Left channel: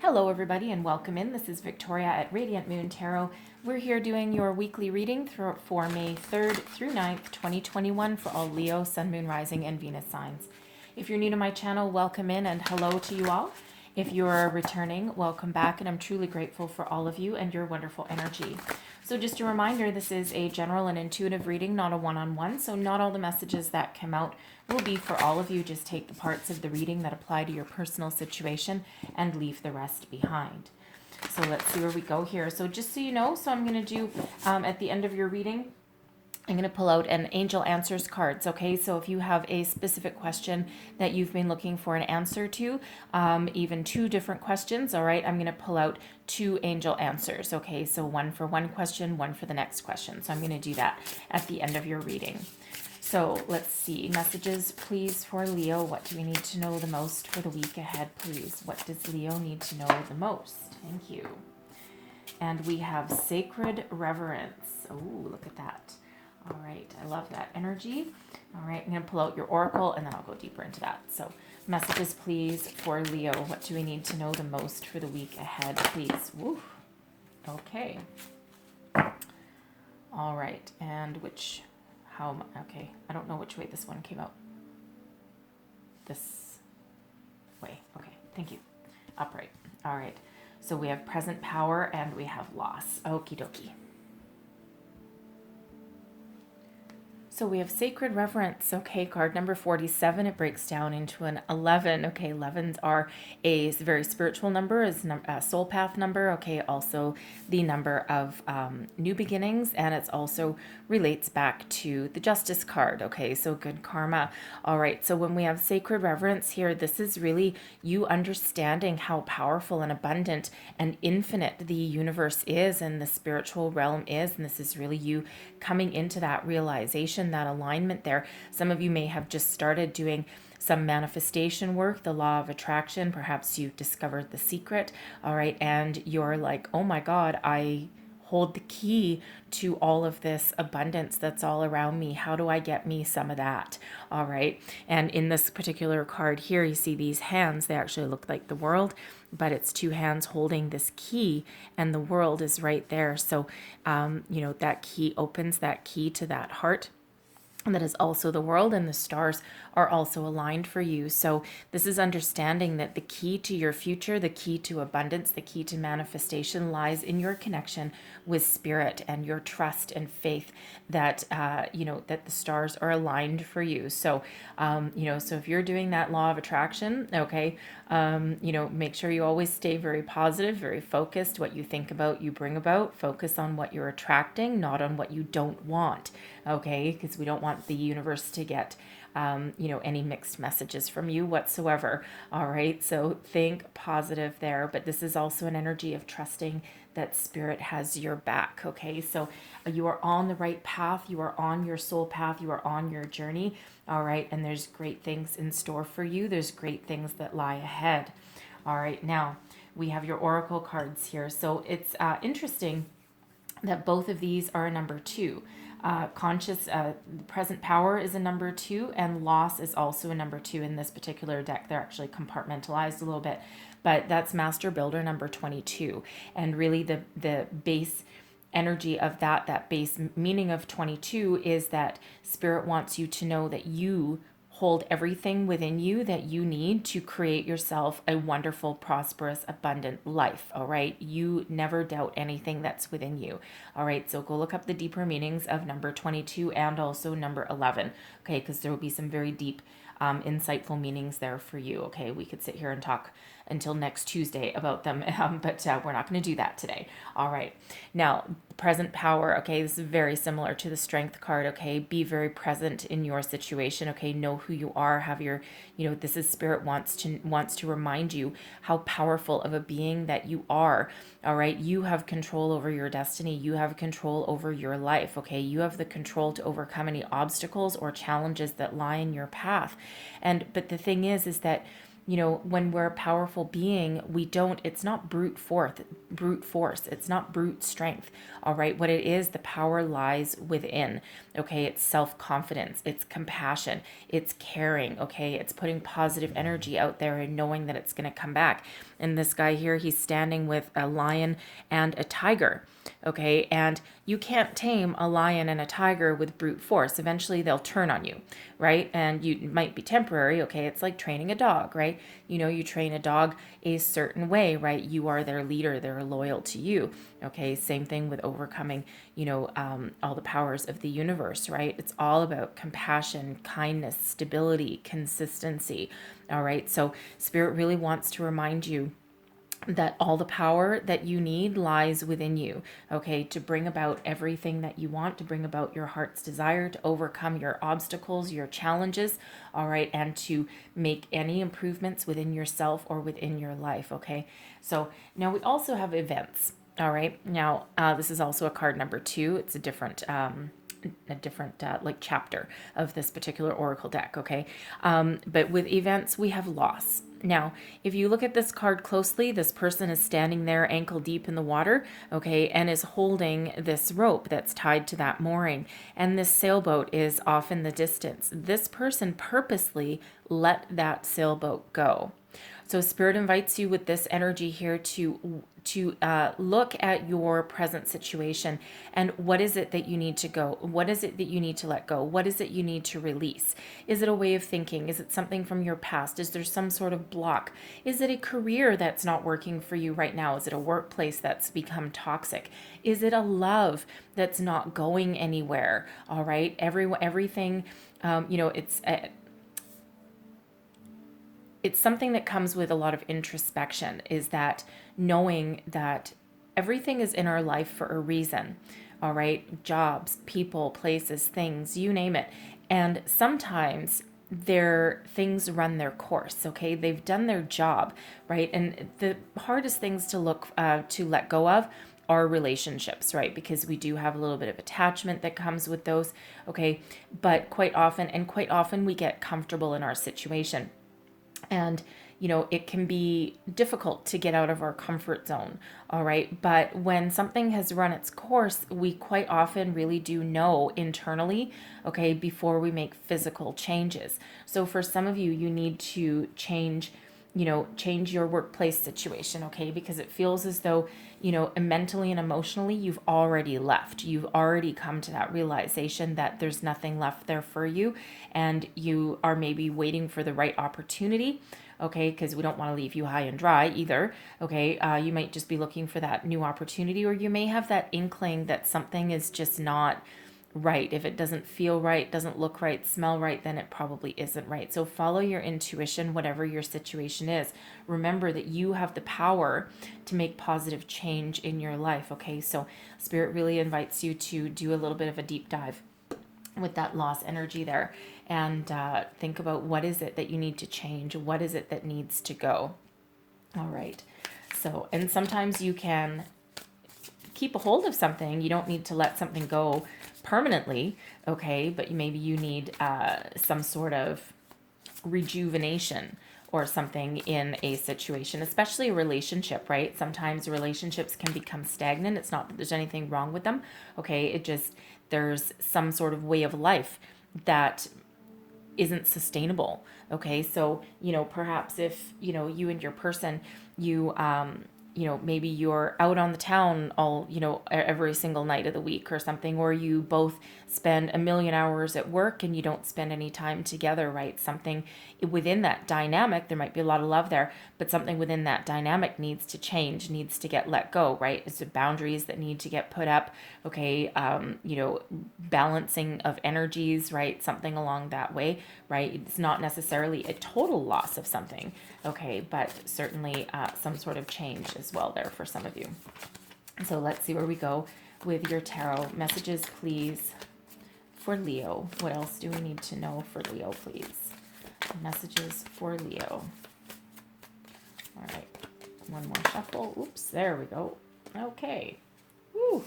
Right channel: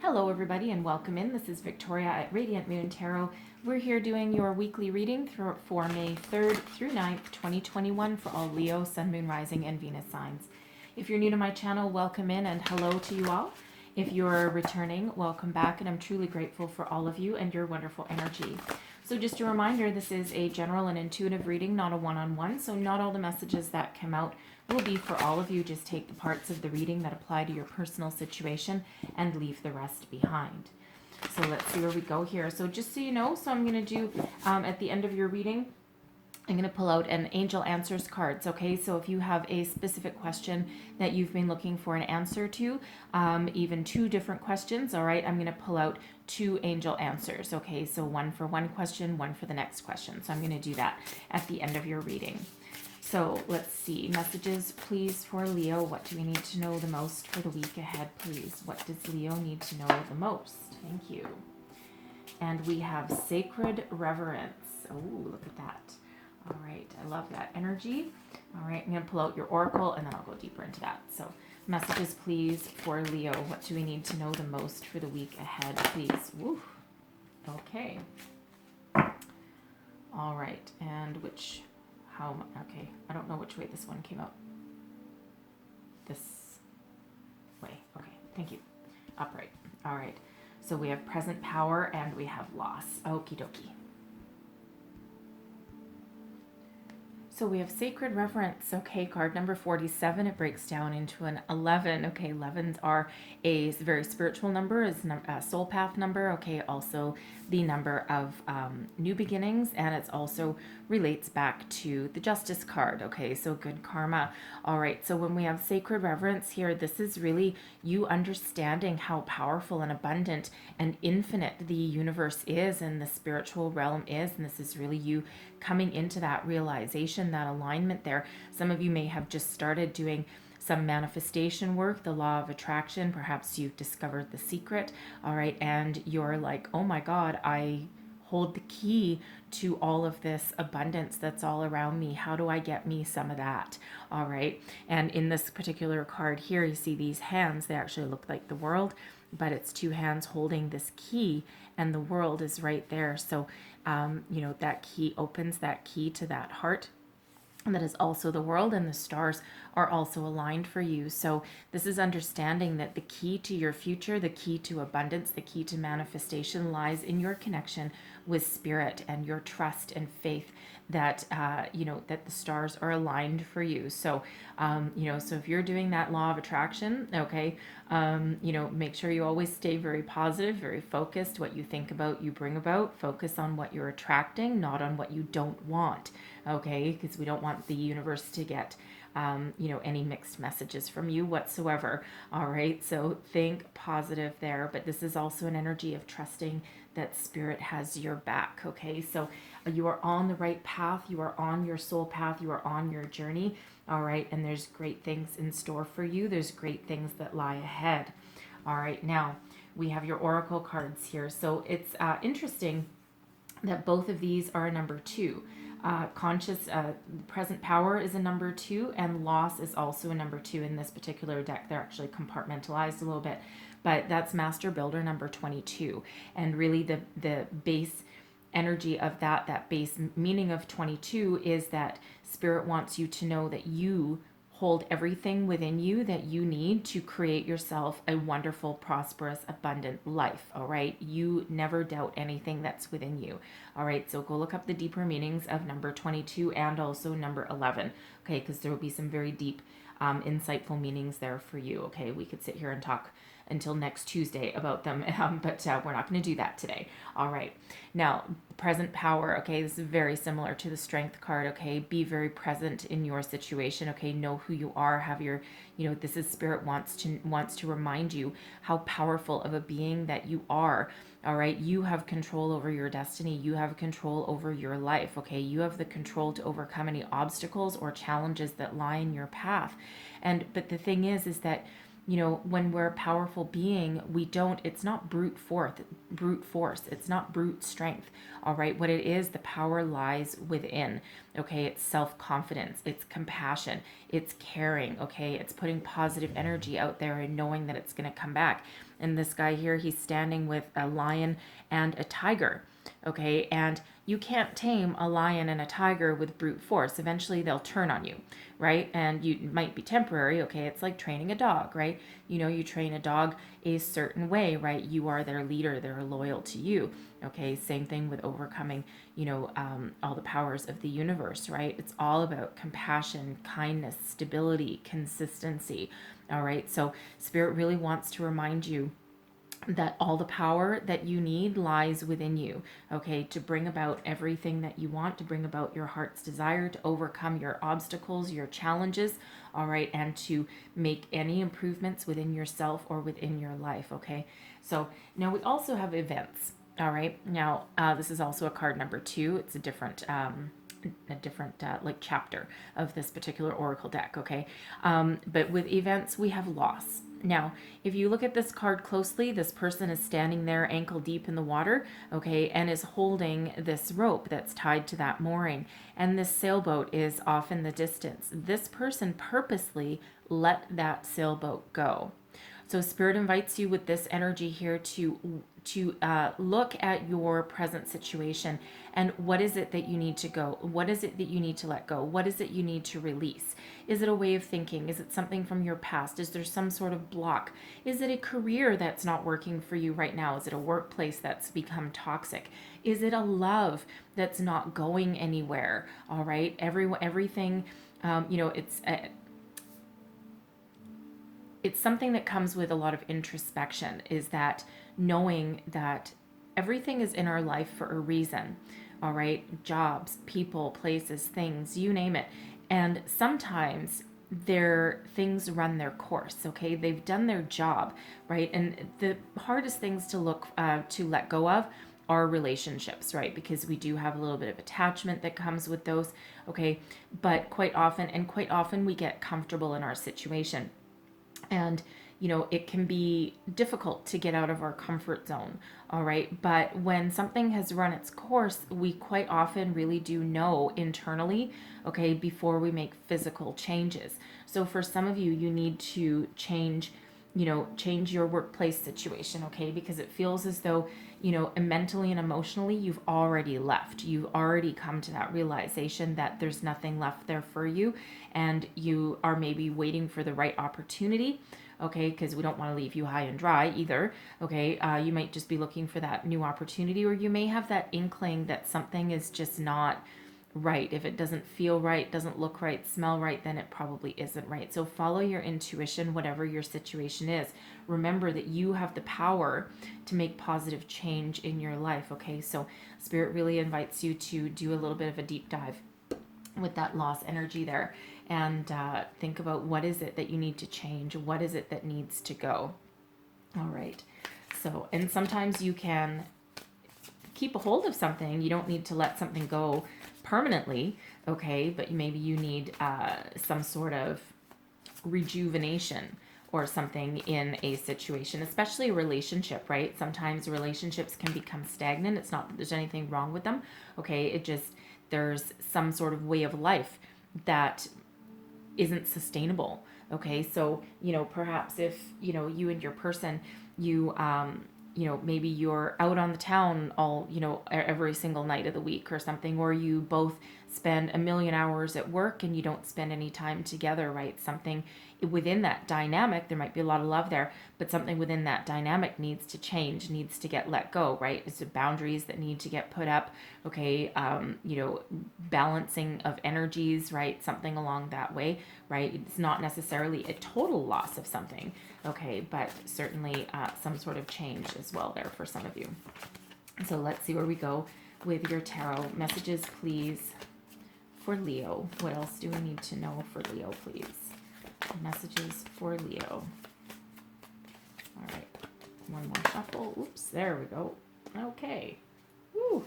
Hello, everybody, and welcome in. This is Victoria at Radiant Moon Tarot. We're here doing your weekly reading for May 3rd through 9th, 2021 for all Leo, Sun, Moon, Rising, and Venus signs. If you're new to my channel, welcome in and hello to you all. If you're returning, welcome back, and I'm truly grateful for all of you and your wonderful energy. So just a reminder, this is a general and intuitive reading, not a one-on-one, so not all the messages that come out will be for all of you. Just take the parts of the reading that apply to your personal situation and leave the rest behind. So let's see where we go here. So just so you know, so I'm going to do at the end of your reading, I'm going to pull out an Angel Answers cards, okay? So if you have a specific question that you've been looking for an answer to, even two different questions, all right, I'm going to pull out two Angel Answers, okay? So one for one question, one for the next question. So I'm going to do that at the end of your reading. So let's see. Messages, please, for Leo. What do we need to know the most for the week ahead, please? What does Leo need to know the most? Thank you. And we have Sacred Reverence. Oh, look at that. All right. I love that energy. All right. I'm going to pull out your oracle, and then I'll go deeper into that. So messages, please, for Leo. What do we need to know the most for the week ahead, please? Woo. Okay. All right. And which... okay, I don't know which way this one came out. This way. Okay, thank you. Upright. All right. So we have present power and we have loss. Okie dokie. So we have Sacred Reverence. Okay, card number 47. It breaks down into an 11. Okay, 11s are a very spiritual number, is a soul path number. Okay, also the number of new beginnings, and it's also relates back to the Justice card. Okay, so good karma. All right, so when we have Sacred Reverence here, this is really you understanding how powerful and abundant and infinite the universe is and the spiritual realm is, and this is really you coming into that realization, that alignment there. Some of you may have just started doing some manifestation work, the law of attraction. Perhaps you've discovered the secret, all right, and you're like, oh my God, I hold the key to all of this abundance that's all around me. How do I get me some of that? All right. And in this particular card here, you see these hands. They actually look like the world, but it's two hands holding this key, and the world is right there. So, that key opens that key to that heart. And that is also the world, and the stars are also aligned for you. So this is understanding that the key to your future, the key to abundance, the key to manifestation lies in your connection with spirit and your trust and faith that that the stars are aligned for you. So so if you're doing that law of attraction, okay, make sure you always stay very positive, very focused. What you think about, you bring about. Focus on what you're attracting, not on what you don't want, okay, because we don't want the universe to get any mixed messages from you whatsoever. All right, so think positive there, but this is also an energy of trusting that spirit has your back. Okay, so you are on the right path, you are on your soul path, you are on your journey. All right, and there's great things in store for you, there's great things that lie ahead. All right, now we have your oracle cards here. So it's interesting that both of these are a number 2. Present power is a number 2, and loss is also a number 2 in this particular deck. They're actually compartmentalized a little bit, but that's Master Builder number 22. And really the base energy of that base meaning of 22 is that spirit wants you to know that you hold everything within you that you need to create yourself a wonderful, prosperous, abundant life. All right. You never doubt anything that's within you. All right. So go look up the deeper meanings of number 22 and also number 11. Okay. Because there will be some very deep, insightful meanings there for you. Okay. We could sit here and talk until next Tuesday about them, but we're not going to do that today. All right. Now, present power, okay, this is very similar to the strength card, okay? Be very present in your situation, okay? Know who you are, have your, this is spirit wants to remind you how powerful of a being that you are. All right, you have control over your destiny. You have control over your life, okay? You have the control to overcome any obstacles or challenges that lie in your path. But the thing is that when we're a powerful being, it's not brute force. It's not brute strength. All right. What it is, the power lies within. Okay. It's self-confidence. It's compassion. It's caring. Okay. It's putting positive energy out there and knowing that it's going to come back. And this guy here, he's standing with a lion and a tiger. Okay, and you can't tame a lion and a tiger with brute force. Eventually they'll turn on you, right? And you might be temporary. Okay, it's like training a dog, right? You train a dog a certain way, right? You are their leader, they're loyal to you. Okay, same thing with overcoming, all the powers of the universe, right? It's all about compassion, kindness, stability, consistency. All right, so Spirit really wants to remind you that all the power that you need lies within you, okay, to bring about everything that you want, to bring about your heart's desire, to overcome your obstacles, your challenges, all right, and to make any improvements within yourself or within your life, okay? So now we also have events, all right? Now, this is also a card number 2. It's a different like chapter of this particular oracle deck, okay? But with events, we have loss. Now, if you look at this card closely, this person is standing there ankle deep in the water, okay, and is holding this rope that's tied to that mooring. And this sailboat is off in the distance. This person purposely let that sailboat go. So Spirit invites you with this energy here to look at your present situation and what is it that you need to go? What is it that you need to let go? What is it you need to release? Is it a way of thinking? Is it something from your past? Is there some sort of block? Is it a career that's not working for you right now? Is it a workplace that's become toxic? Is it a love that's not going anywhere? All right, everything, it's something that comes with a lot of introspection, is that knowing that everything is in our life for a reason. All right, jobs, people, places, things, you name it. And sometimes things run their course, okay? They've done their job, right? And the hardest things to let go of are relationships, right? Because we do have a little bit of attachment that comes with those, okay? But quite often we get comfortable in our situation. And it can be difficult to get out of our comfort zone, all right? But when something has run its course, we quite often really do know internally, okay, before we make physical changes. So for some of you, you need to change your workplace situation, okay? Because it feels as though, mentally and emotionally, you've already left. You've already come to that realization that there's nothing left there for you, and you are maybe waiting for the right opportunity, okay? Because we don't want to leave you high and dry either, okay? You might just be looking for that new opportunity, or you may have that inkling that something is just not right. If it doesn't feel right, doesn't look right, smell right, then it probably isn't right. So follow your intuition, whatever your situation is. Remember that you have the power to make positive change in your life, okay? So Spirit really invites you to do a little bit of a deep dive with that loss energy there, and think about what is it that you need to change, what is it that needs to go. All right. So, and sometimes you can keep a hold of something. You don't need to let something go permanently, okay? But maybe you need some sort of rejuvenation or something in a situation, especially a relationship, right? Sometimes relationships can become stagnant. It's not that there's anything wrong with them, okay? It just, there's some sort of way of life that isn't sustainable, okay? So, perhaps if, you and your person, maybe you're out on the town all, every single night of the week or something, or you both spend a million hours at work and you don't spend any time together, right? Something within that dynamic, there might be a lot of love there, but something within that dynamic needs to change, needs to get let go, right? It's the boundaries that need to get put up, okay? Balancing of energies, right? Something along that way, right? It's not necessarily a total loss of something, okay, but certainly some sort of change as well there for some of you. So let's see where we go with your tarot messages, please, for Leo. What else do we need to know for Leo, please? Messages for Leo. All right, one more shuffle. Oops, there we go. Okay. Woo.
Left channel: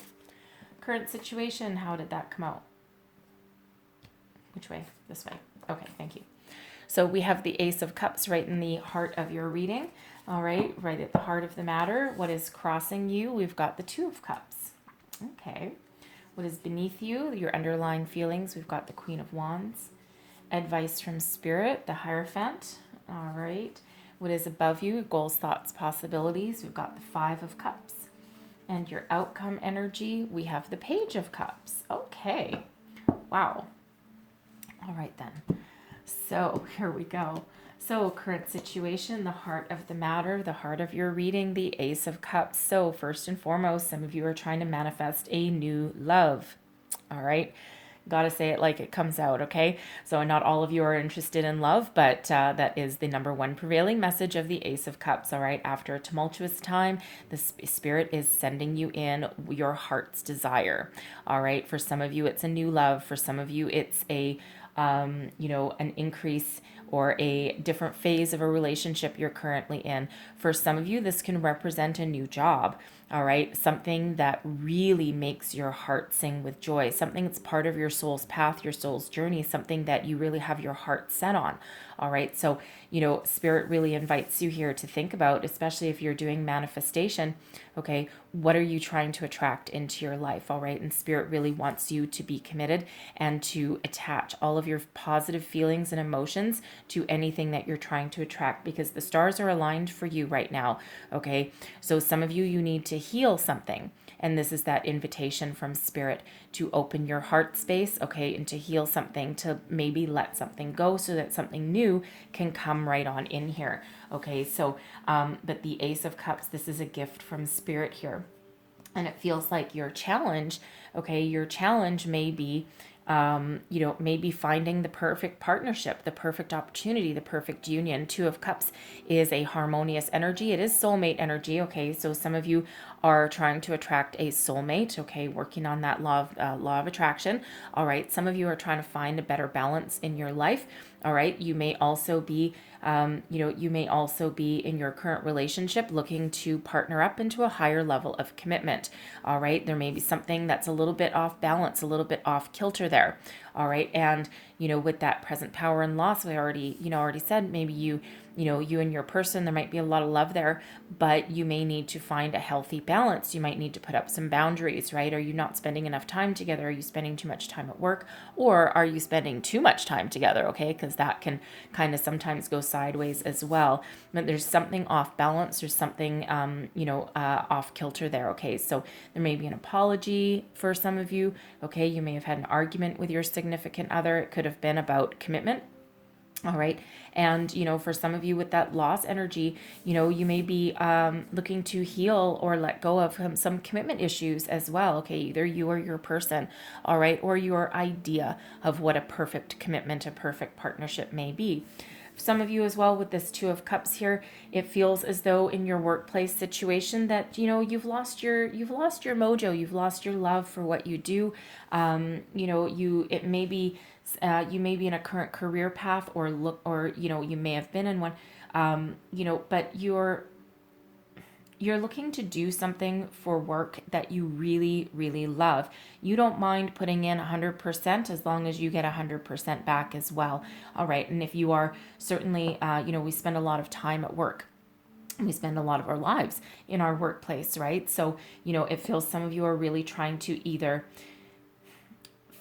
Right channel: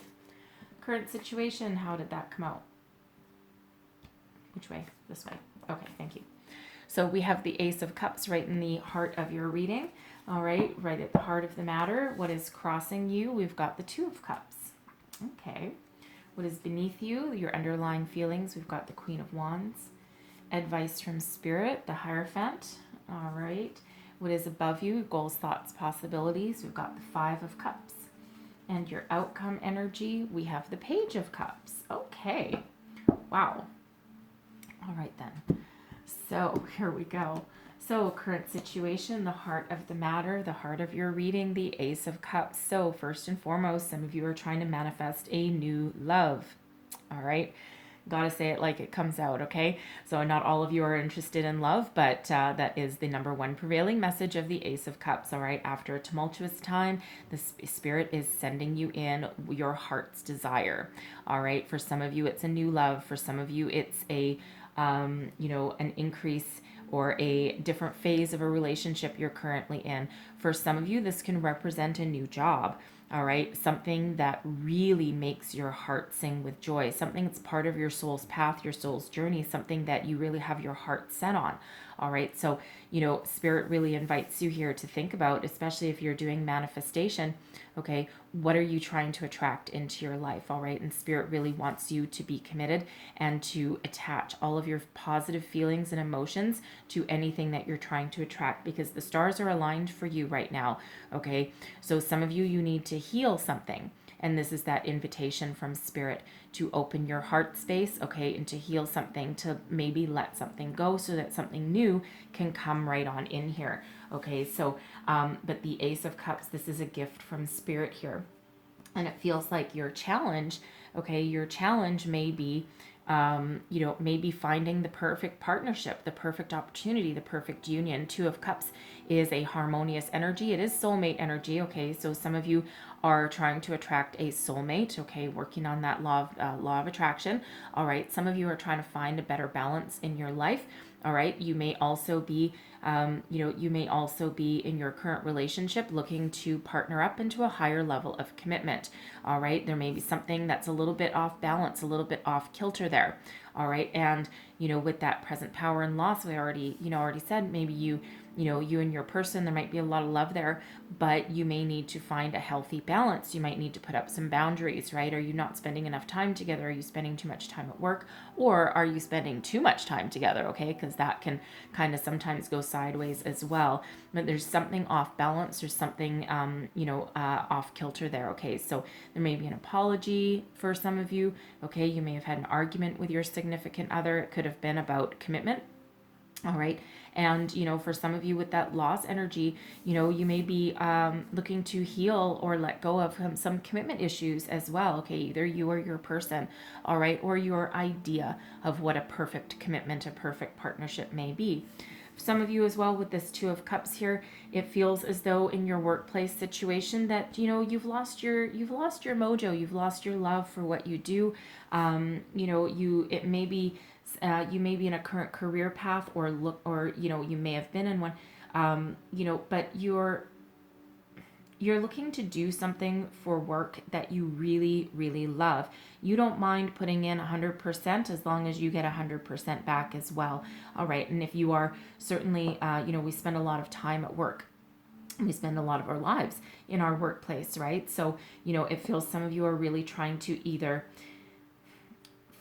Current situation, how did that come out? Which way? This way. Okay, thank you. So we have the Ace of Cups right in the heart of your reading. All right, right at the heart of the matter. What is crossing you? We've got the Two of Cups. Okay. What is beneath you? Your underlying feelings. We've got the Queen of Wands. Advice from Spirit, the Hierophant. All right. what is above you, goals, thoughts, possibilities. We've got the Five of Cups. And your outcome energy, we have the Page of Cups. Okay. Wow. All right then. So here we go. So current situation, the heart of the matter, the heart of your reading, the Ace of Cups. So first and foremost, some of you are trying to manifest a new love. All right. Gotta say it like it comes out, okay? So not all of you are interested in love, but that is the number one prevailing message of the Ace of Cups, all right? After a tumultuous time, the Spirit is sending you in your heart's desire, all right? For some of you, it's a new love. For some of you, it's a, an increase or a different phase of a relationship you're currently in. For some of you, this can represent a new job. All right, something that really makes your heart sing with joy, something that's part of your soul's path, your soul's journey, something that you really have your heart set on. All right, so, Spirit really invites you here to think about, especially if you're doing manifestation, okay, what are you trying to attract into your life? All right, and Spirit really wants you to be committed and to attach all of your positive feelings and emotions to anything that you're trying to attract, because the stars are aligned for you right now, okay? So some of you need to heal something. And this is that invitation from Spirit to open your heart space, okay, and to heal something, to maybe let something go so that something new can come right on in here, okay? So, but the Ace of Cups, this is a gift from Spirit here. And it feels like your challenge, okay, your challenge may be, maybe finding the perfect partnership, the perfect opportunity, the perfect union. Two of Cups is a harmonious energy. It is soulmate energy, okay? So some of you are trying to attract a soulmate, okay, working on that law of attraction. All right, some of you are trying to find a better balance in your life. All right, you may also be in your current relationship looking to partner up into a higher level of commitment. All right, there may be something that's a little bit off balance, a little bit off kilter there. All right, and with that present power and loss, we already said, maybe you and your person, there might be a lot of love there, but you may need to find a healthy balance. You might need to put up some boundaries, right? Are you not spending enough time together? Are you spending too much time at work? Or are you spending too much time together, okay? Because that can kind of sometimes go sideways as well. But there's something off balance. There's something, off kilter there, okay? So there may be an apology for some of you, okay? You may have had an argument with your significant other. It could have been about commitment. All right. And, for some of you with that loss energy, you may be looking to heal or let go of some commitment issues as well. Okay. Either you or your person. All right. Or your idea of what a perfect commitment, a perfect partnership may be. Some of you as well with this Two of Cups here, it feels as though in your workplace situation that you've lost your mojo, you've lost your love for what you do. It may be you may be in a current career path or you may have been in one, but you're looking to do something for work that you really, really love. You don't mind putting in 100% as long as you get 100% back as well. All right. And if you are certainly, we spend a lot of time at work. We spend a lot of our lives in our workplace, right? So, it feels some of you are really trying to either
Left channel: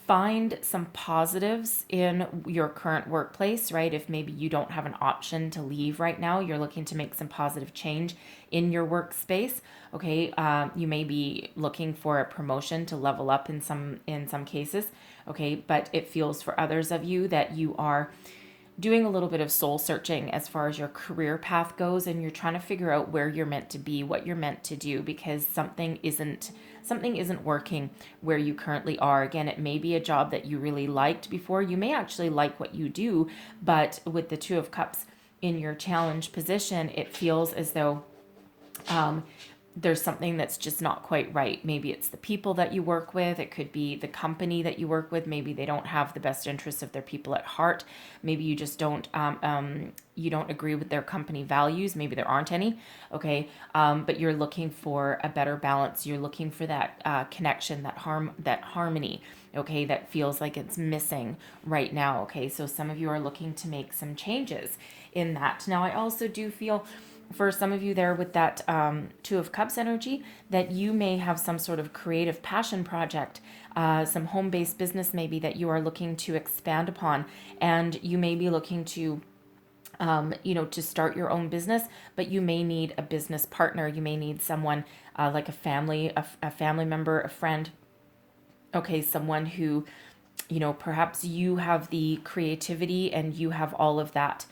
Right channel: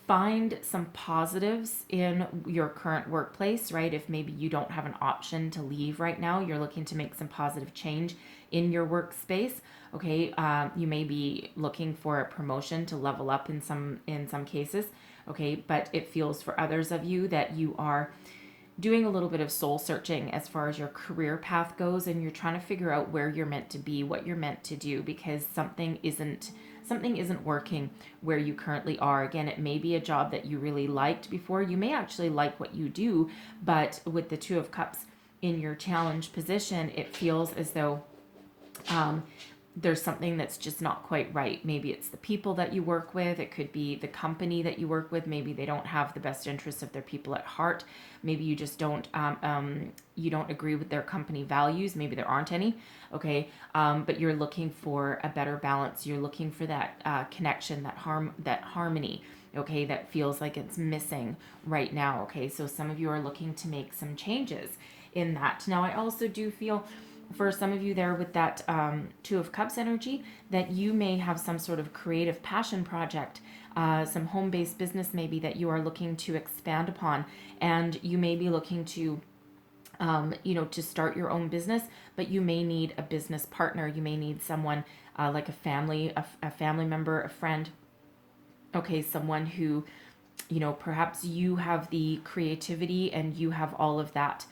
find some positives in your current workplace, right? If maybe you don't have an option to leave right now, you're looking to make some positive change in your workspace. Okay, you may be looking for a promotion to level up in some cases. Okay, but it feels for others of you that you are doing a little bit of soul searching as far as your career path goes, and you're trying to figure out where you're meant to be, what you're meant to do, because something isn't working where you currently are. Again, it may be a job that you really liked before. You may actually like what you do, but with the Two of Cups in your challenge position, it feels as though there's something that's just not quite right. Maybe it's the people that you work with. It could be the company that you work with. Maybe they don't have the best interests of their people at heart. Maybe you just don't agree with their company values. Maybe there aren't any. Okay. But you're looking for a better balance. You're looking for that connection, that harmony. Okay. That feels like it's missing right now. Okay. So some of you are looking to make some changes in that. Now, I also do feel for some of you there with that Two of Cups energy, that you may have some sort of creative passion project, some home-based business maybe that you are looking to expand upon, and you may be looking to to start your own business, but you may need a business partner. You may need someone like a family member, a friend, okay, someone who, perhaps you have the creativity and you have all of that,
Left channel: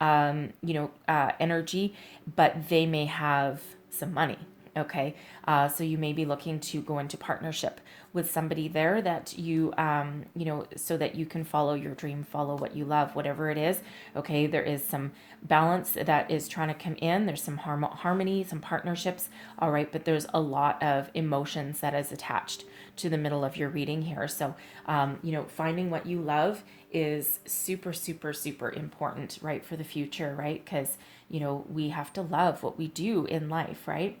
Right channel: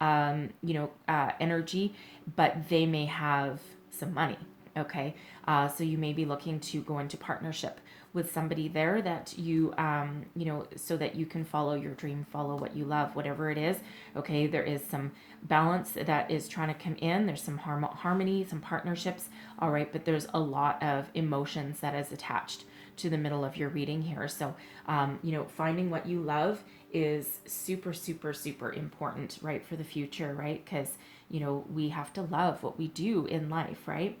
energy, but they may have some money. Okay. So you may be looking to go into partnership with somebody there that so that you can follow your dream, follow what you love, whatever it is. Okay. There is some balance that is trying to come in. There's some harmony, some partnerships. All right. But there's a lot of emotions that is attached to the middle of your reading here. So, finding what you love is super, super, super important, right, for the future, right? Because, we have to love what we do in life, right?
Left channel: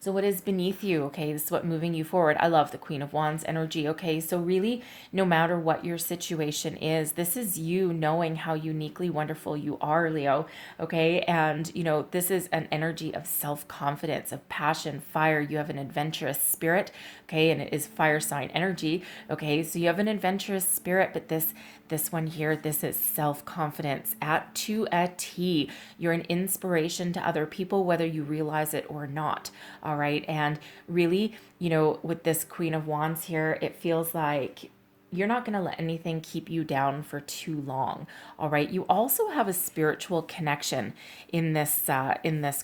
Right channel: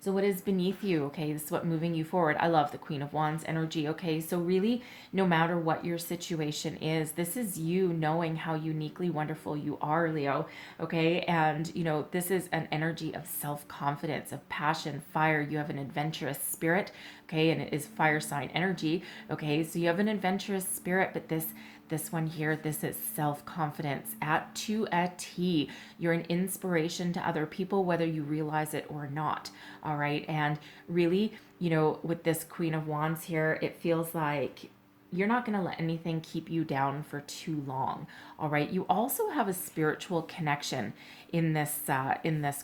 So what is beneath you? Okay, this is what moving you forward. I love the Queen of Wands energy. Okay, so really, no matter what your situation is, this is you knowing how uniquely wonderful you are, Leo. Okay, and this is an energy of self-confidence, of passion, fire. You have an adventurous spirit. Okay, and it is fire sign energy. Okay, so you have an adventurous spirit, but this one here, this is self-confidence to a T. You're an inspiration to other people, whether you realize it or not. All right. And really, with this Queen of Wands here, it feels like you're not going to let anything keep you down for too long. All right. You also have a spiritual connection in this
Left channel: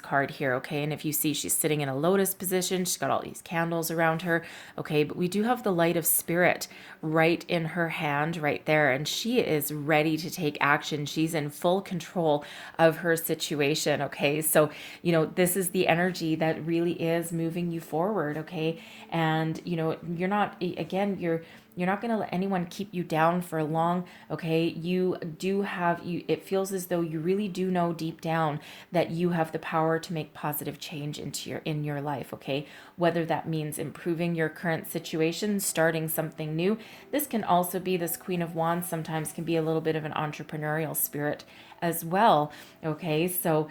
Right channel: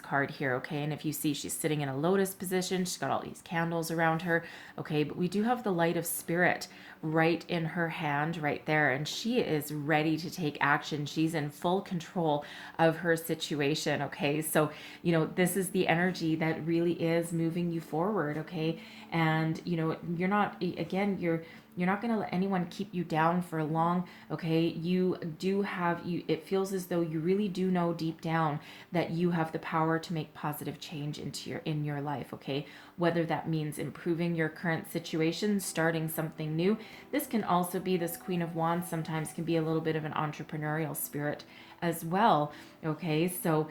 card here. Okay. And if you see, she's sitting in a lotus position, she's got all these candles around her. Okay. But we do have the light of spirit right in her hand right there. And she is ready to take action. She's in full control of her situation. Okay. So, this is the energy that really is moving you forward. Okay. And, you're not, again, you're not going to let anyone keep you down for long. Okay. It feels as though you really do know deep down that you have the power to make positive change in your life. Okay. Whether that means improving your current situation, starting something new. This can also be, this Queen of Wands sometimes can be a little bit of an entrepreneurial spirit as well. Okay. So,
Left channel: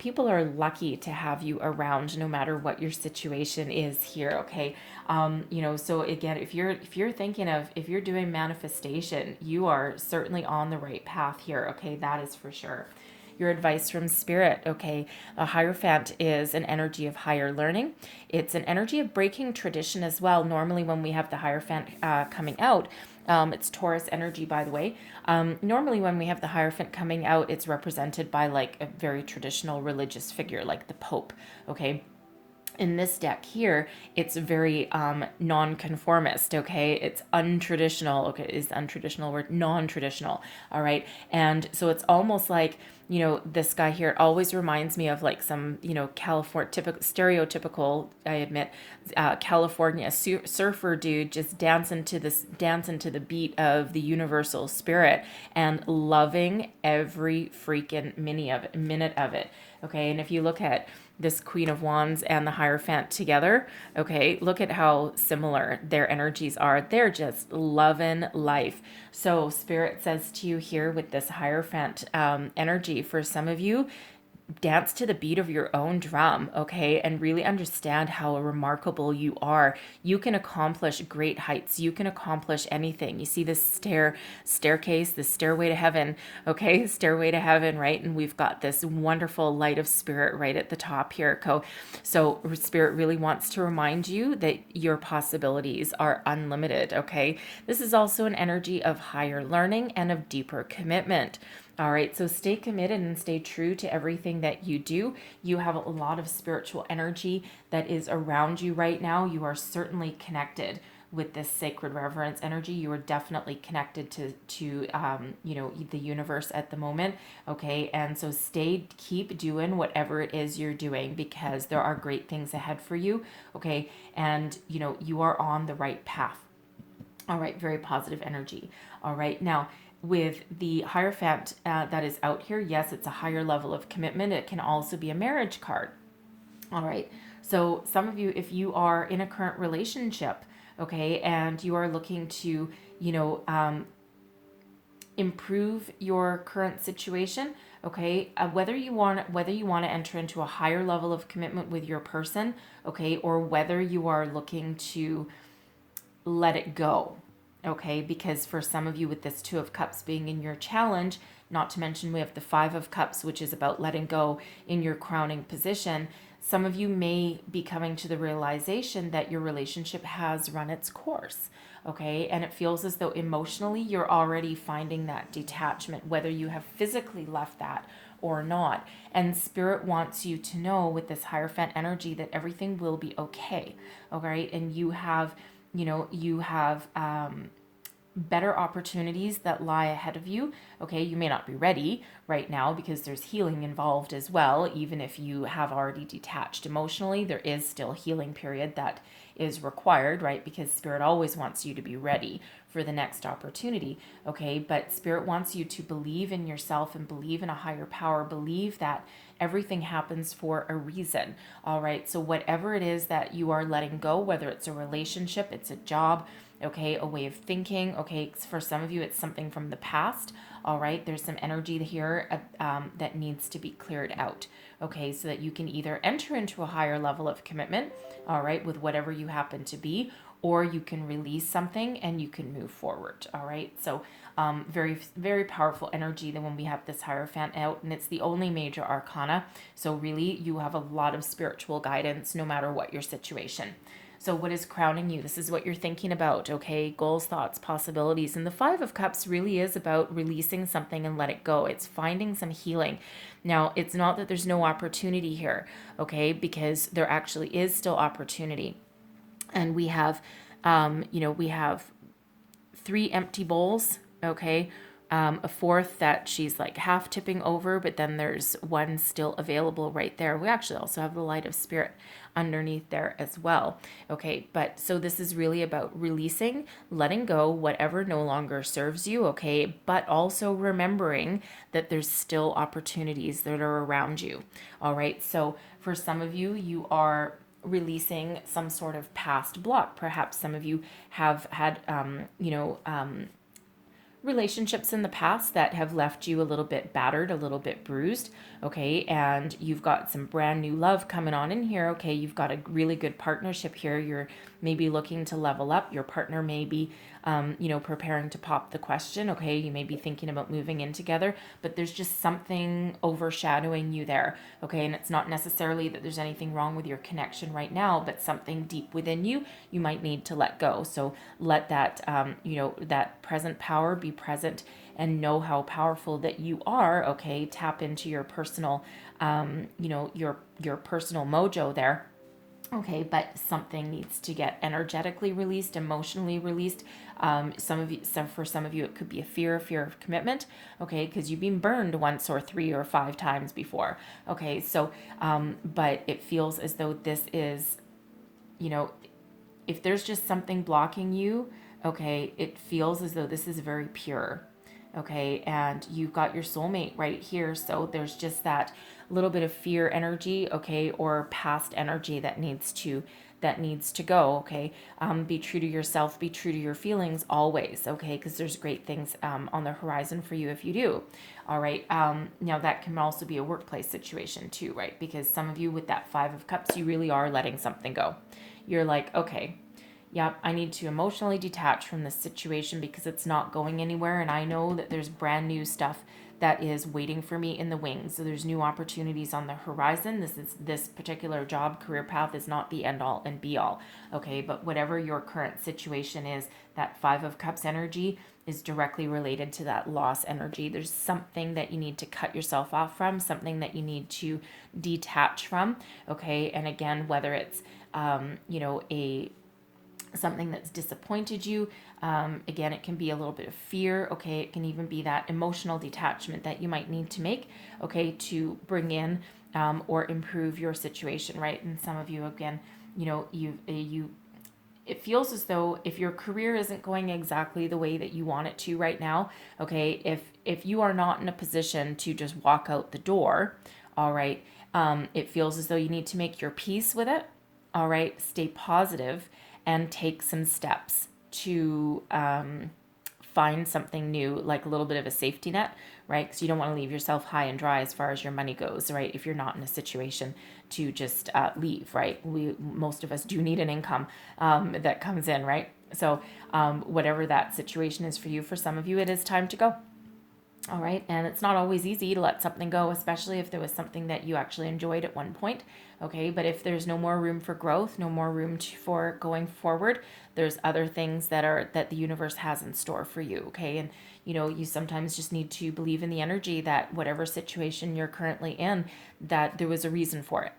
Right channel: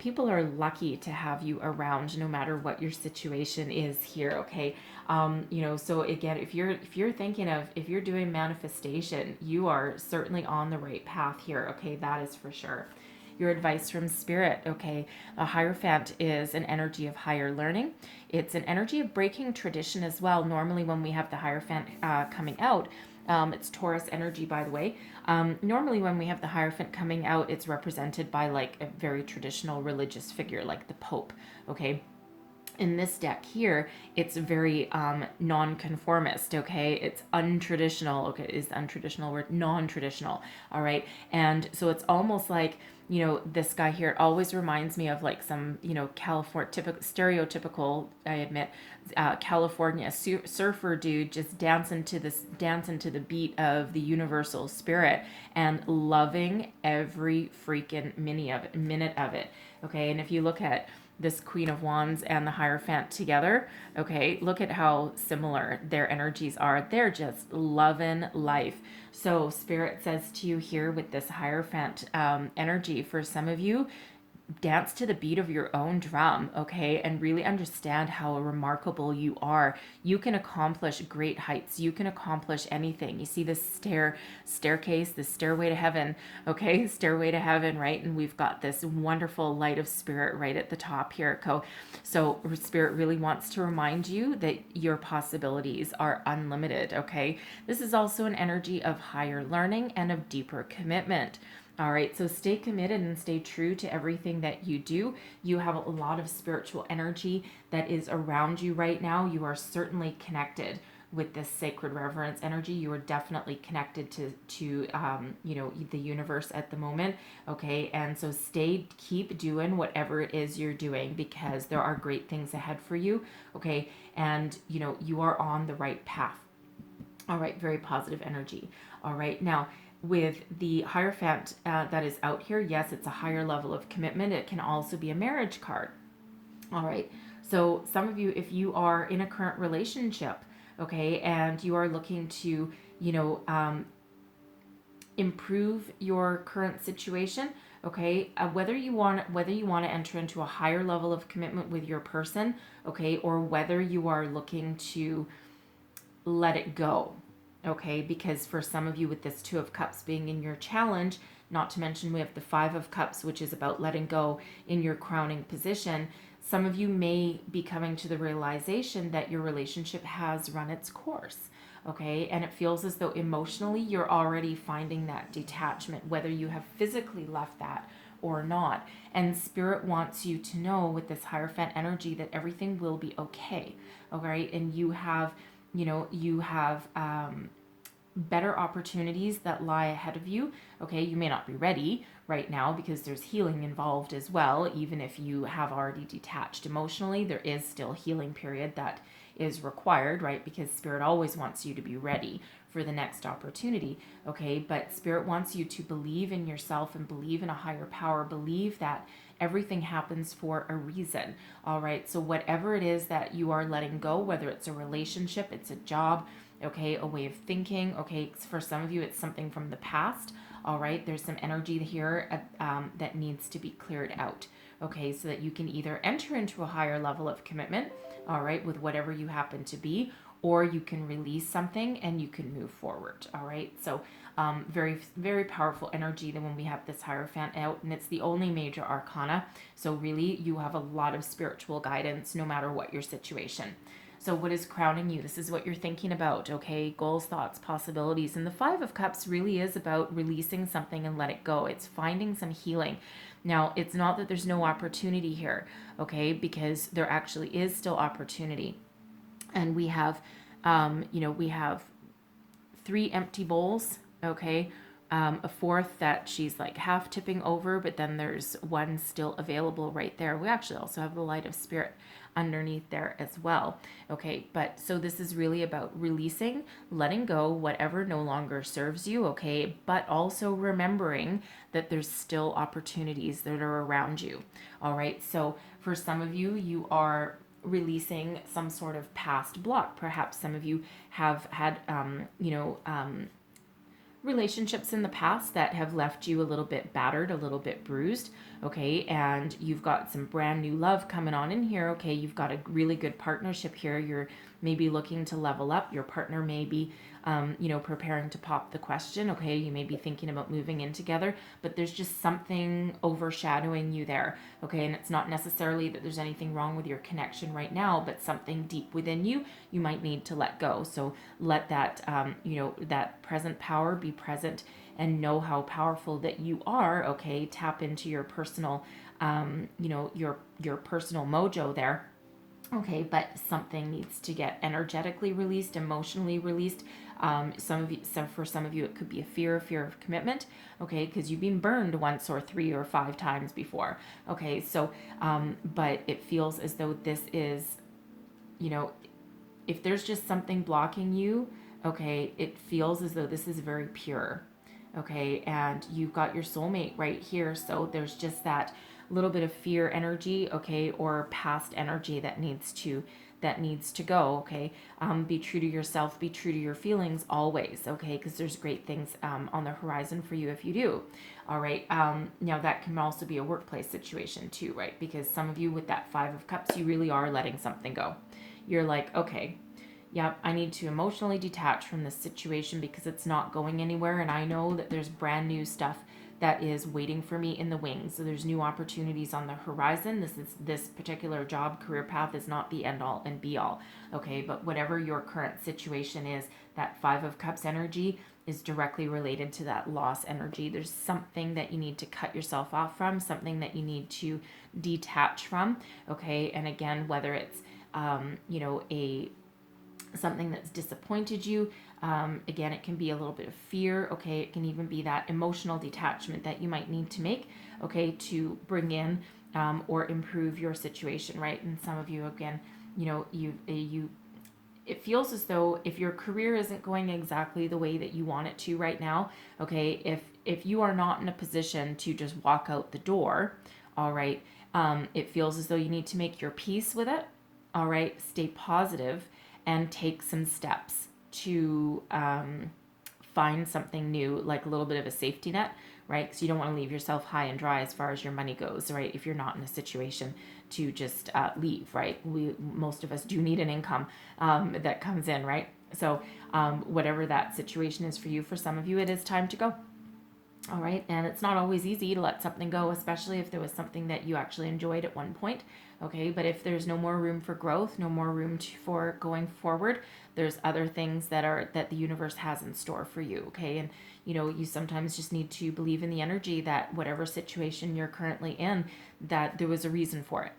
people are lucky to have you around no matter what your situation is here. Okay. So again, if you're thinking of, if you're doing manifestation, you are certainly on the right path here. Okay. That is for sure. Your advice from spirit. Okay. A Hierophant is an energy of higher learning. It's an energy of breaking tradition as well. Normally when we have the Hierophant coming out, it's Taurus energy, by the way. Normally when we have the Hierophant coming out, it's represented by like a very traditional religious figure, like the Pope. Okay. In this deck here, it's very non-conformist. Okay, it's untraditional. Okay, is the untraditional word non-traditional? All right, and so it's almost like, this guy here always reminds me of like some, California stereotypical, I admit, California surfer dude just dancing to the beat of the universal spirit and loving every freaking minute of it. Okay, and if you look at this Queen of Wands and the Hierophant together, okay, look at how similar their energies are. They're just loving life. So Spirit says to you here with this Hierophant energy, for some of you, dance to the beat of your own drum, okay, and really understand how remarkable you are. You can accomplish great heights. You can accomplish anything. You see this staircase, this stairway to heaven, okay, stairway to heaven, right? And we've got this wonderful light of spirit right at the top here. So Spirit really wants to remind you that your possibilities are unlimited, okay? This is also an energy of higher learning and of deeper commitment. All right, so stay committed and stay true to everything that you do. You have a lot of spiritual energy that is around you right now. You are certainly connected with this sacred reverence energy. You are definitely connected to the universe at the moment. Okay, and so keep doing whatever it is you're doing, because there are great things ahead for you. Okay, and you are on the right path. All right, very positive energy. All right, now, with the Hierophant that is out here, yes, it's a higher level of commitment. It can also be a marriage card. All right. So some of you, if you are in a current relationship, okay, and you are looking to, improve your current situation, okay, whether you want to enter into a higher level of commitment with your person, okay, or whether you are looking to let it go. Okay, because for some of you with this Two of Cups being in your challenge, not to mention we have the Five of Cups, which is about letting go in your crowning position. Some of you may be coming to the realization that your relationship has run its course. Okay, and it feels as though emotionally you're already finding that detachment, whether you have physically left that or not. And Spirit wants you to know with this Hierophant energy that everything will be okay. Okay, and you have, better opportunities that lie ahead of you. Okay, you may not be ready right now because there's healing involved as well. Even if you have already detached emotionally, there is still healing period that is required, right? Because Spirit always wants you to be ready for the next opportunity. Okay, but Spirit wants you to believe in yourself and believe in a higher power, believe that everything happens for a reason. All right, so whatever it is that you are letting go, whether it's a relationship, it's a job, okay, a way of thinking, okay, for some of you it's something from the past. All right, there's some energy here that needs to be cleared out, okay, so that you can either enter into a higher level of commitment, all right, with whatever you happen to be, or you can release something and you can move forward. All right, so very, very powerful energy that when we have this Hierophant out, and it's the only major arcana, so really you have a lot of spiritual guidance no matter what your situation. So what is crowning you? This is what you're thinking about, okay? Goals, thoughts, possibilities. And the Five of Cups really is about releasing something and let it go. It's finding some healing. Now, it's not that there's no opportunity here, okay? Because there actually is still opportunity. And we have, we have 3 empty bowls, okay? A fourth that she's like half tipping over, but then there's one still available right there. We actually also have the Light of Spirit underneath there as well. Okay, but so this is really about releasing, letting go whatever no longer serves you, okay, but also remembering that there's still opportunities that are around you. All right, so for some of you, you are releasing some sort of past block. Perhaps some of you have had, relationships in the past that have left you a little bit battered, a little bit bruised, okay, and you've got some brand new love coming on in here, okay, you've got a really good partnership here, you're maybe looking to level up, your partner may be, preparing to pop the question, okay, you may be thinking about moving in together, but there's just something overshadowing you there, okay, and it's not necessarily that there's anything wrong with your connection right now, but something deep within you, you might need to let go. So let that, that present power be present and know how powerful that you are, okay, tap into your personal, your personal mojo there. Okay, but something needs to get energetically released, emotionally released. For some of you, it could be a fear of commitment. Okay, because you've been burned once or 3 or 5 times before. Okay, so, but it feels as though this is, if there's just something blocking you, okay, it feels as though this is very pure. Okay, and you've got your soulmate right here. So there's just that little bit of fear energy, okay, or past energy that needs to go, okay. Be true to yourself, be true to your feelings always, okay, because there's great things on the horizon for you if you do. All right, now that can also be a workplace situation too, right, because some of you with that Five of Cups, you really are letting something go. You're like, okay, yeah, I need to emotionally detach from this situation because it's not going anywhere, and I know that there's brand new stuff that is waiting for me in the wings. So there's new opportunities on the horizon. This particular job career path is not the end all and be all. Okay, but whatever your current situation is, that Five of Cups energy is directly related to that loss energy. There's something that you need to cut yourself off from, something that you need to detach from. Okay, and again, whether it's something that's disappointed you. Again, it can be a little bit of fear. Okay, it can even be that emotional detachment that you might need to make, okay, to bring in or improve your situation, right? And some of you, again, it feels as though if your career isn't going exactly the way that you want it to right now, okay, if you are not in a position to just walk out the door, all right, it feels as though you need to make your peace with it, all right, stay positive and take some steps to find something new, like a little bit of a safety net, right? Because you don't want to leave yourself high and dry as far as your money goes, right? If you're not in a situation to just leave, right? Most of us do need an income that comes in, right? So whatever that situation is for you, for some of you, it is time to go. All right. And it's not always easy to let something go, especially if there was something that you actually enjoyed at one point. Okay. But if there's no more room for growth, no more room for going forward, there's other things that the universe has in store for you. Okay. And, you sometimes just need to believe in the energy that whatever situation you're currently in, that there was a reason for it.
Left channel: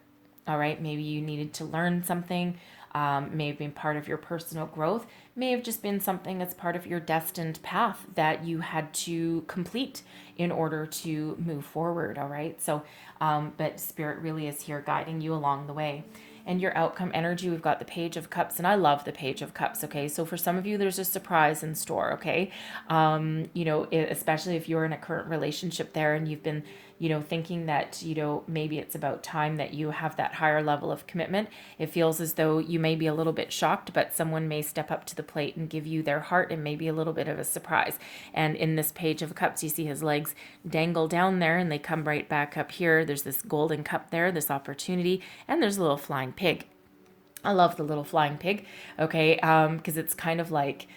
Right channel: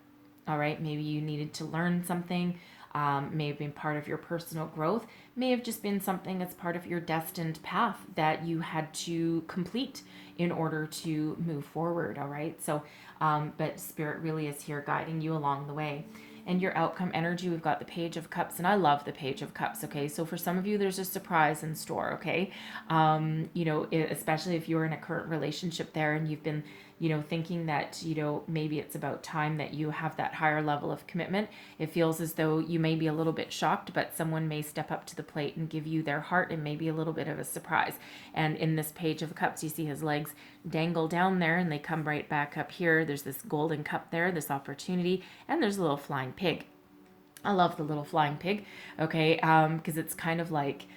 All right. Maybe you needed to learn something, may have been part of your personal growth, may have just been something that's part of your destined path that you had to complete in order to move forward. All right. So, but Spirit really is here guiding you along the way. And your outcome energy, we've got the Page of Cups, and I love the Page of Cups. Okay, so for some of you, there's a surprise in store. Okay, especially if you're in a current relationship there and you've been, thinking that, maybe it's about time that you have that higher level of commitment. It feels as though you may be a little bit shocked, but someone may step up to the plate and give you their heart and maybe a little bit of a surprise. And in this Page of Cups, you see his legs dangle down there and they come right back up here. There's this golden cup there, this opportunity, and there's a little flying pig. I love the little flying pig, okay, because it's kind of like,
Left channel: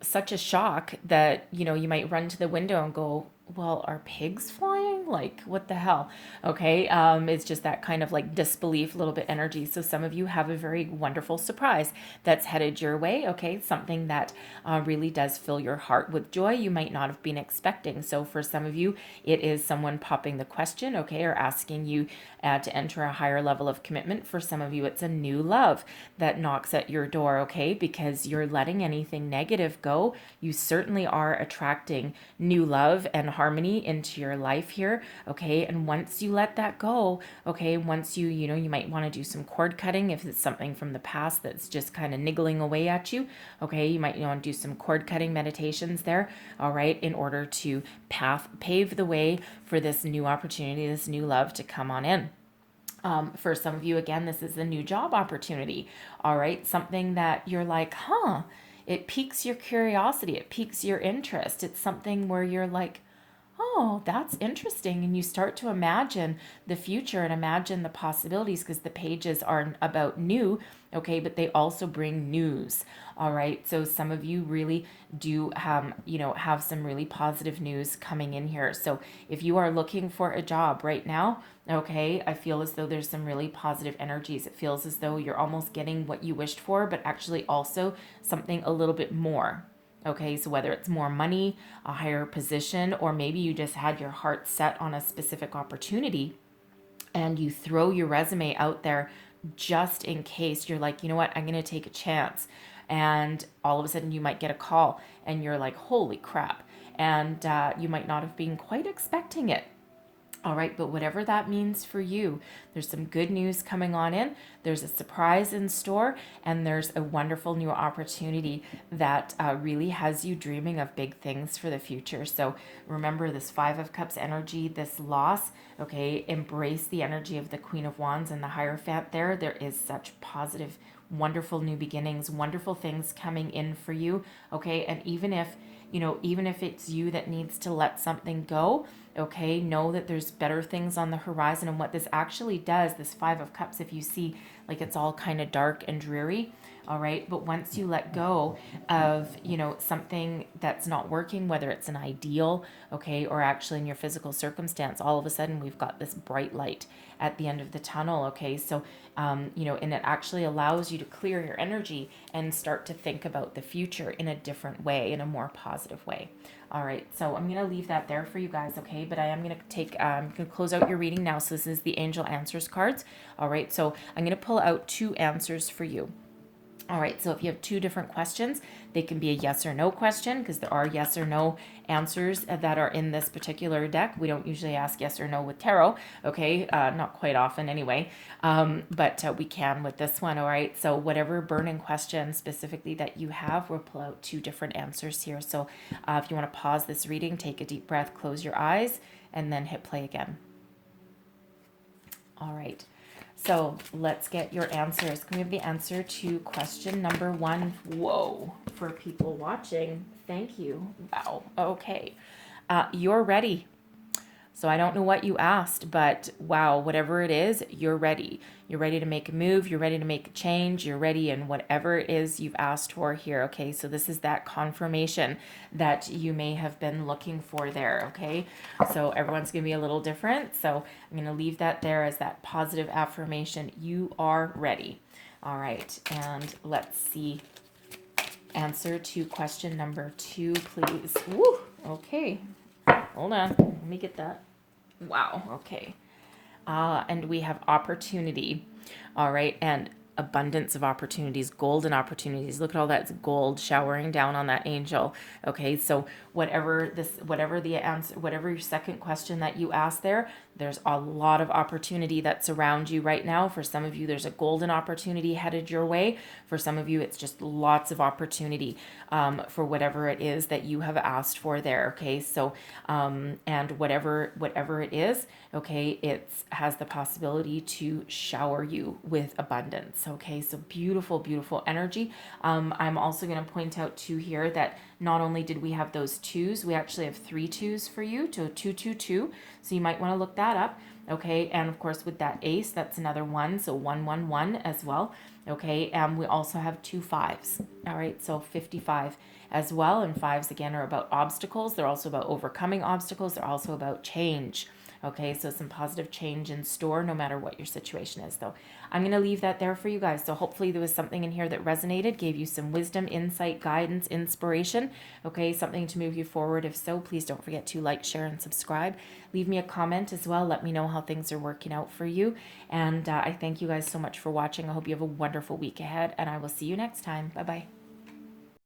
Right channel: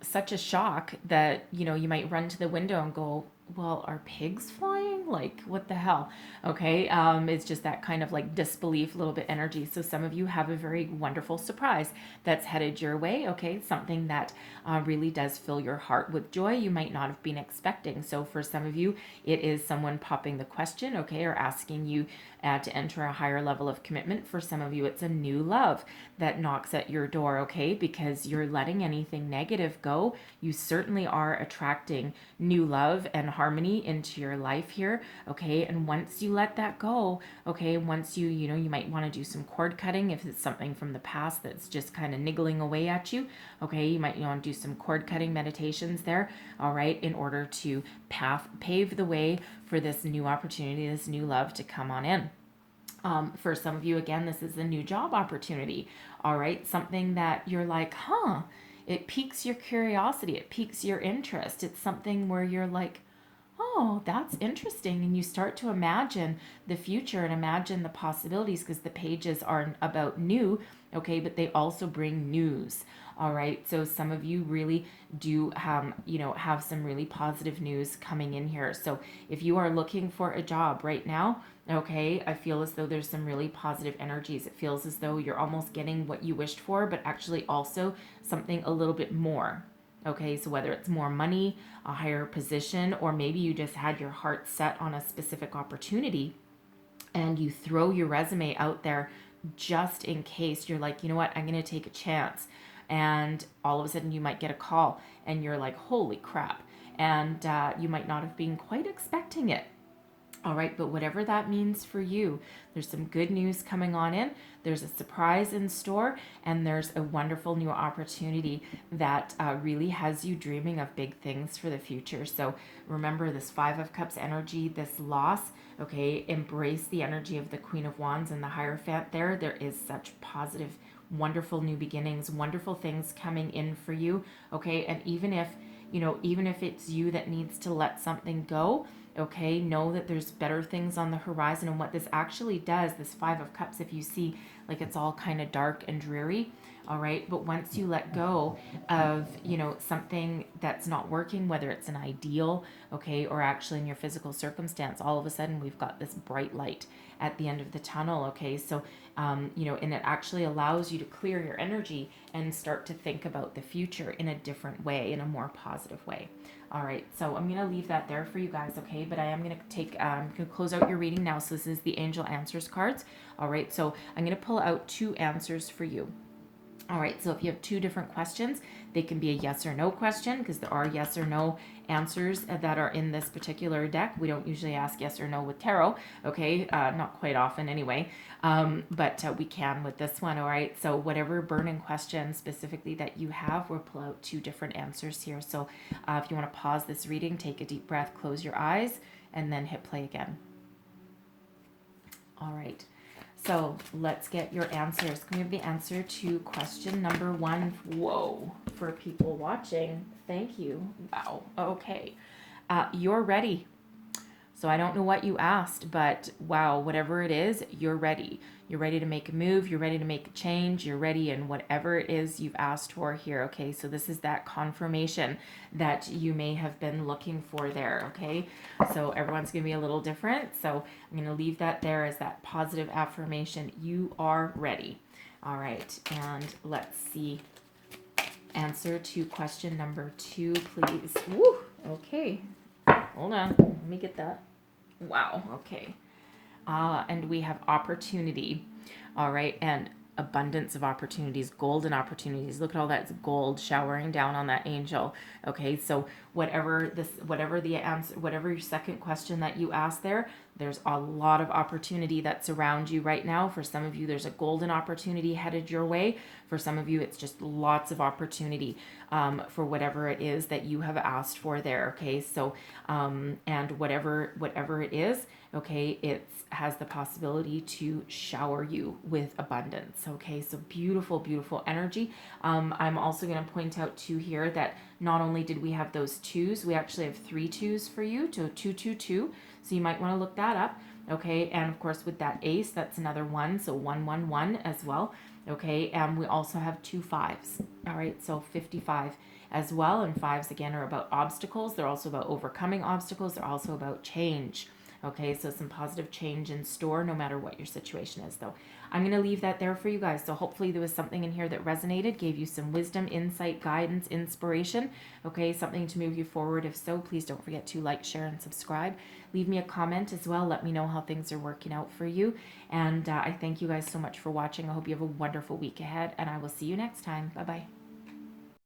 such a shock that, you might run to the window and go, well, are pigs flying? Like, what the hell? Okay. It's just that kind of like disbelief, a little bit energy. So some of you have a very wonderful surprise that's headed your way. Okay. Something that really does fill your heart with joy you might not have been expecting. So for some of you, it is someone popping the question, okay, or asking you to enter a higher level of commitment. For some of you, it's a new love that knocks at your door, okay, because you're letting anything negative go. You certainly are attracting new love and harmony into your life here, okay, and once you let that go, okay, once you might want to do some cord cutting if it's something from the past that's just kind of niggling away at you, okay, you might want to do some cord cutting meditations there, all right, in order to pave the way for this new opportunity, this new love to come on in. For some of you, again, this is a new job opportunity. All right. Something that you're like, it piques your curiosity. It piques your interest. It's something where you're like, oh, that's interesting. And you start to imagine the future and imagine the possibilities because the pages are about new, okay, but they also bring news. All right. So some of you really do have some really positive news coming in here. So if you are looking for a job right now, okay, I feel as though there's some really positive energies. It feels as though you're almost getting what you wished for, but actually also something a little bit more. Okay, so whether it's more money, a higher position, or maybe you just had your heart set on a specific opportunity and you throw your resume out there just in case you're like, you know what, I'm going to take a chance. And all of a sudden you might get a call and you're like, holy crap. And you might not have been quite expecting it. All right, but whatever that means for you, there's some good news coming on in. There's a surprise in store, and there's a wonderful new opportunity that really has you dreaming of big things for the future. So remember this Five of Cups energy, this loss, okay? Embrace the energy of the Queen of Wands and the Hierophant there. There is such positive, wonderful new beginnings, wonderful things coming in for you, okay? And even if it's you that needs to let something go, okay, know that there's better things on the horizon. And what this actually does, this Five of Cups, if you see like it's all kind of dark and dreary, all right, but once you let go of something that's not working, whether it's an ideal, okay, or actually in your physical circumstance, all of a sudden we've got this bright light at the end of the tunnel, okay? So and it actually allows you to clear your energy and start to think about the future in a different way, in a more positive way. All right, so I'm going to leave that there for you guys, okay? But I am going to close out your reading now. So this is the Angel Answers cards. All right, so I'm going to pull out two answers for you. All right, so if you have two different questions, they can be a yes or no question because there are yes or no answers that are in this particular deck. We don't usually ask yes or no with tarot, okay? Not quite often anyway, but we can with this one, all right? So whatever burning question specifically that you have, we'll pull out two different answers here. So if you want to pause this reading, take a deep breath, close your eyes, and then hit play again. All right. So let's get your answers. Can we have the answer to question number 1? Whoa, for people watching, thank you. Wow, okay. You're ready. So I don't know what you asked, but wow, whatever it is, you're ready. You're ready to make a move. You're ready to make a change. You're ready in whatever it is you've asked for here. Okay, so this is that confirmation that you may have been looking for there. Okay, so everyone's going to be a little different. So I'm going to leave that there as that positive affirmation. You are ready. All right, and let's see. Answer to question number 2, please. Woo, okay. Hold on. Let me get that. Wow, okay. And we have opportunity. All right, and abundance of opportunities, golden opportunities. Look at all that gold showering down on that angel. Okay, so whatever the answer, whatever your second question that you asked there, there's a lot of opportunity that's around you right now. For some of you, there's a golden opportunity headed your way. For some of you, it's just lots of opportunity for whatever it is that you have asked for there. Okay, so and whatever it is, okay, it has the possibility to shower you with abundance. Okay, so beautiful, beautiful energy. I'm also going to point out too here that not only did we have those 2s, we actually have 3 2s for you, so 222. So you might want to look that up. Okay, and of course with that ace, that's another 1, so 111 as well. Okay, and we also have 2 5s. All right, so 55 as well. And 5s again are about obstacles. They're also about overcoming obstacles. They're also about change. Okay, so some positive change in store no matter what your situation is, though. I'm going to leave that there for you guys. So hopefully there was something in here that resonated, gave you some wisdom, insight, guidance, inspiration. Okay, something to move you forward. If so, please don't forget to like, share, and subscribe. Leave me a comment as well. Let me know how things are working out for you. And I thank you guys so much for watching. I hope you have a wonderful week ahead, and I will see you next time. Bye-bye.